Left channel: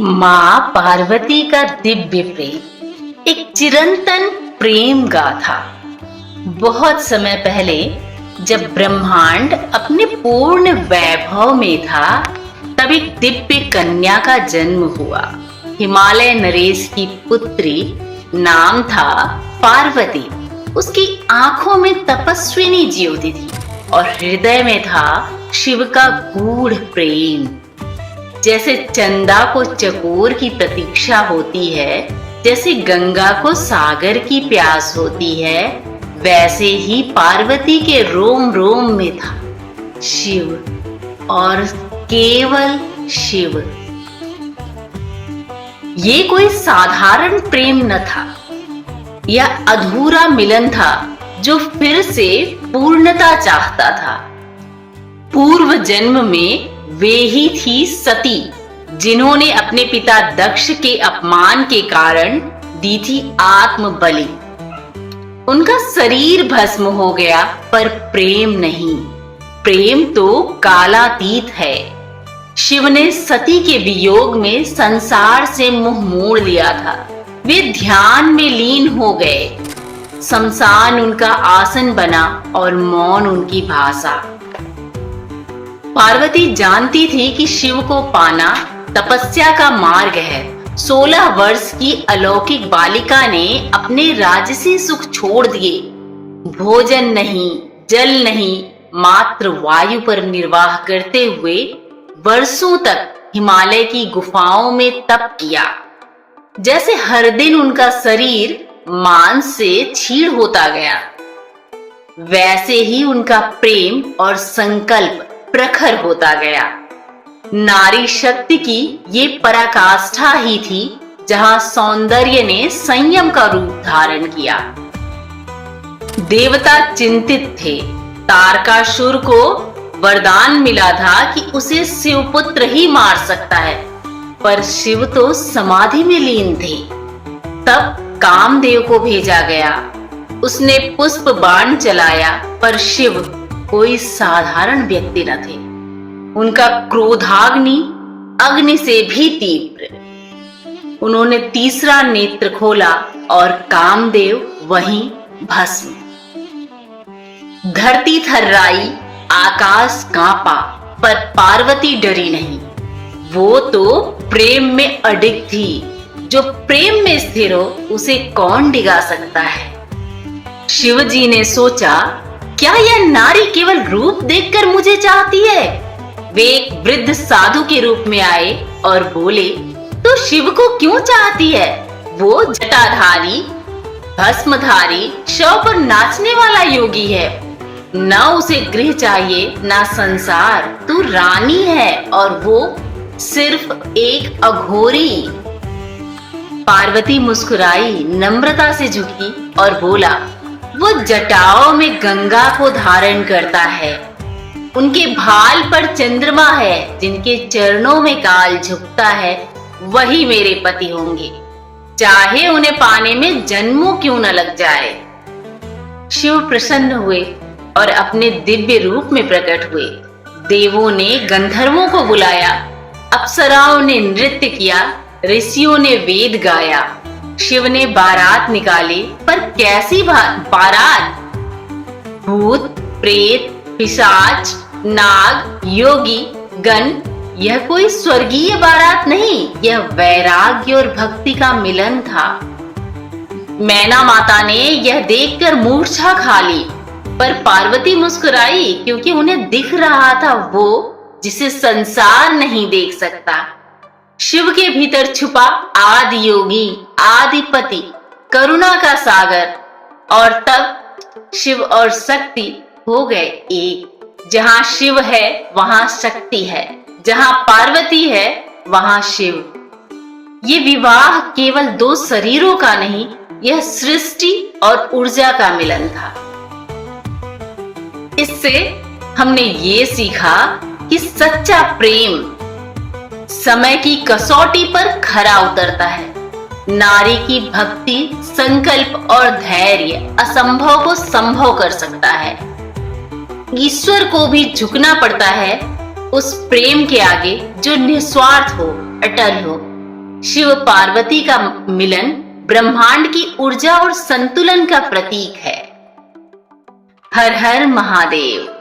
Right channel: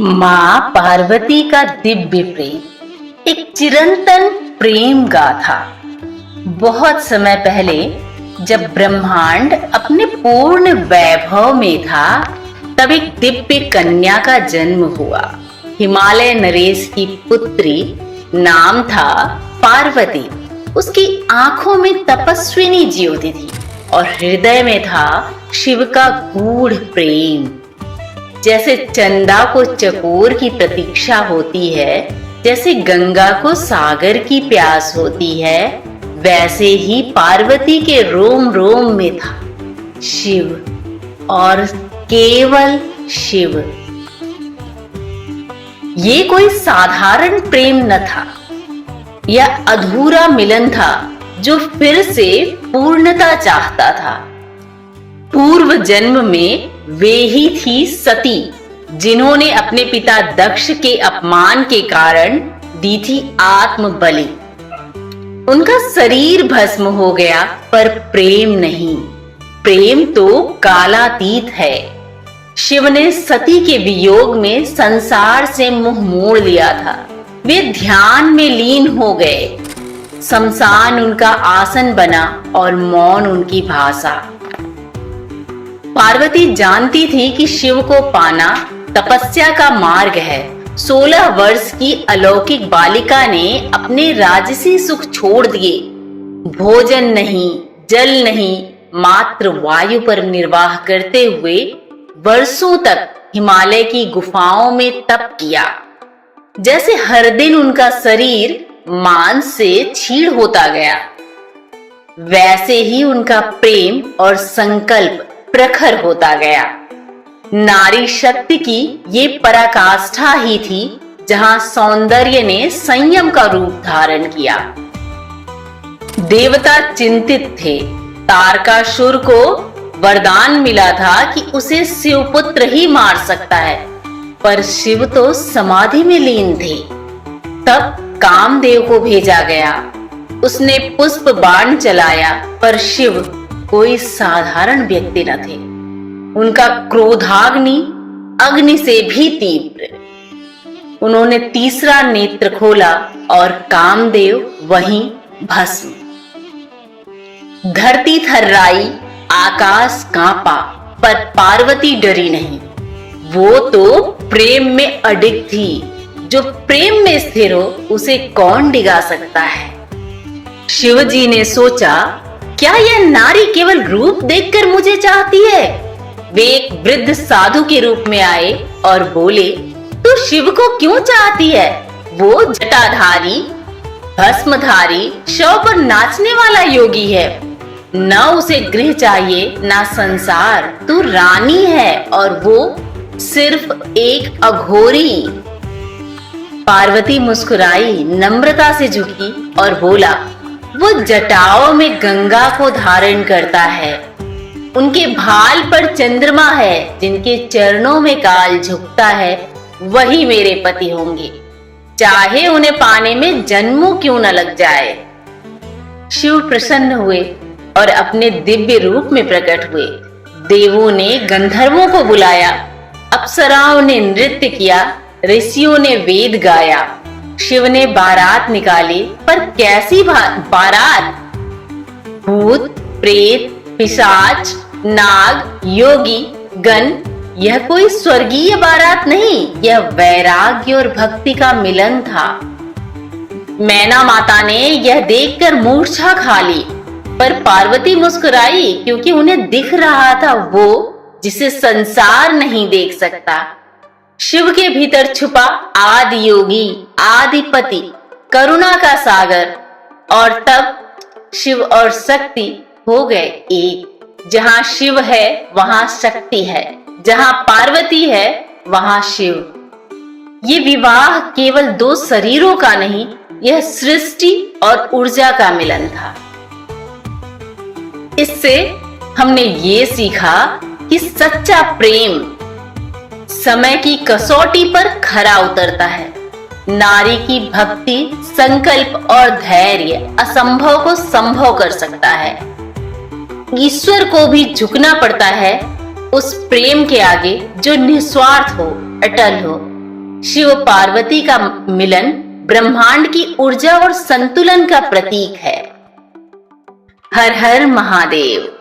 माँ पार्वती का दिव्य प्रेम एक चिरंतन प्रेम गाथा। बहुत समय पहले जब ब्रह्मांड अपने पूर्ण वैभव में था, तब एक दिव्य कन्या का जन्म हुआ। हिमालय नरेश की पुत्री, नाम था पार्वती। उसकी आंखों में तपस्विनी ज्योति थी और हृदय में था शिव का गूढ़ प्रेम। जैसे चंदा को चकोर की प्रतीक्षा होती है, जैसे गंगा को सागर की प्यास होती है, वैसे ही पार्वती के रोम रोम में था शिव और केवल शिव। ये कोई साधारण प्रेम न था, यह अधूरा मिलन था जो फिर से पूर्णता चाहता था। पूर्व जन्म में वे ही थी सती, जिन्होंने अपने पिता दक्ष के अपमान के कारण दी थी आत्म बलि। उनका शरीर भस्म हो गया, पर प्रेम नहीं। प्रेम तो कालातीत है। शिव ने सती के वियोग में संसार से मुंह मोड़ लिया था। वे ध्यान में लीन हो गए। शमशान उनका आसन बना और मौन उनकी भाषा। पार्वती जानती थी कि शिव को पाना तपस्या का मार्ग है। 16 वर्ष की अलौकिक बालिका ने अपने राजसी सुख छोड़ दिए। भोजन नहीं, जल नहीं, मात्र वायु पर निर्वाह करते हुए वर्षों तक हिमालय की गुफाओं में तप किया। जैसे हर दिन उनका शरीर मांस से छीड़ होता गया, वैसे ही उनका प्रेम और संकल्प प्रखर होता गया। नारी शक्ति की ये पराकाष्ठा ही थी, जहां सौंदर्य ने संयम का रूप धारण किया। देवता चिंतित थे। तारकासुर को वरदान मिला था कि उसे शिवपुत्र ही मार सकता है, पर शिव तो समाधि में लीन थे। तब कामदेव को भेजा गया। उसने पुष्प बाण चलाया, पर शिव कोई साधारण व्यक्ति न थे। उनका क्रोधाग्नि अग्नि से भी तीव्र। उन्होंने तीसरा नेत्र खोला और कामदेव वहीं भस्म। धरती थर्राई, आकाश कांपा, पर पार्वती डरी नहीं। वो तो प्रेम में अडिग थी। जो प्रेम में स्थिर हो, उसे कौन डिगा सकता है। शिवजी ने सोचा, क्या यह नारी केवल रूप देखकर मुझे चाहती है? वे एक वृद्ध साधु के रूप में आए और बोले, तो शिव को क्यों चाहती है? वो जटाधारी, भस्मधारी, शव पर नाचने वाला योगी है। न उसे गृह चाहिए, न संसार। तू रानी है और वो सिर्फ एक अघोरी। पार्वती मुस्कुराई, नम्रता से झुकी और बोला, वो जटाओं में गंगा को धारण करता है। उनके भाल पर चंद्रमा है। जिनके चरणों में काल झुकता है, वही मेरे पति होंगे, चाहे उन्हें पाने में जन्मों क्यों न लग जाए। शिव प्रसन्न हुए और अपने दिव्य रूप में प्रकट हुए। देवों ने गंधर्वों को बुलाया, अप्सराओं ने नृत्य किया, ऋषियों ने वेद गाया। शिव ने बारात निकाली, पर कैसी बारात? भूत, प्रेत, पिशाच, नाग, योगी, गण। यह कोई स्वर्गीय बारात नहीं, यह वैराग्य और भक्ति का मिलन था। मैना माता ने यह देखकर मूर्छा खा ली, पर पार्वती मुस्कुराई, क्योंकि उन्हें दिख रहा था वो जिसे संसार नहीं देख सकता। शिव के भीतर छुपा आदि योगी, आदिपति, करुणा का सागर। और तब शिव और शक्ति हो गए एक। जहां शिव है वहां शक्ति है, जहां पार्वती है वहां शिव। ये विवाह केवल दो शरीरों का नहीं, यह सृष्टि और ऊर्जा का मिलन था। इससे हमने ये सीखा कि सच्चा प्रेम समय की कसौटी पर खरा उतरता है। नारी की भक्ति, संकल्प और धैर्य असंभव को संभव कर सकता है। ईश्वर को भी झुकना पड़ता है उस प्रेम के आगे जो निस्वार्थ हो, अटल हो। शिव पार्वती का मिलन ब्रह्मांड की ऊर्जा और संतुलन का प्रतीक है। हर हर महादेव।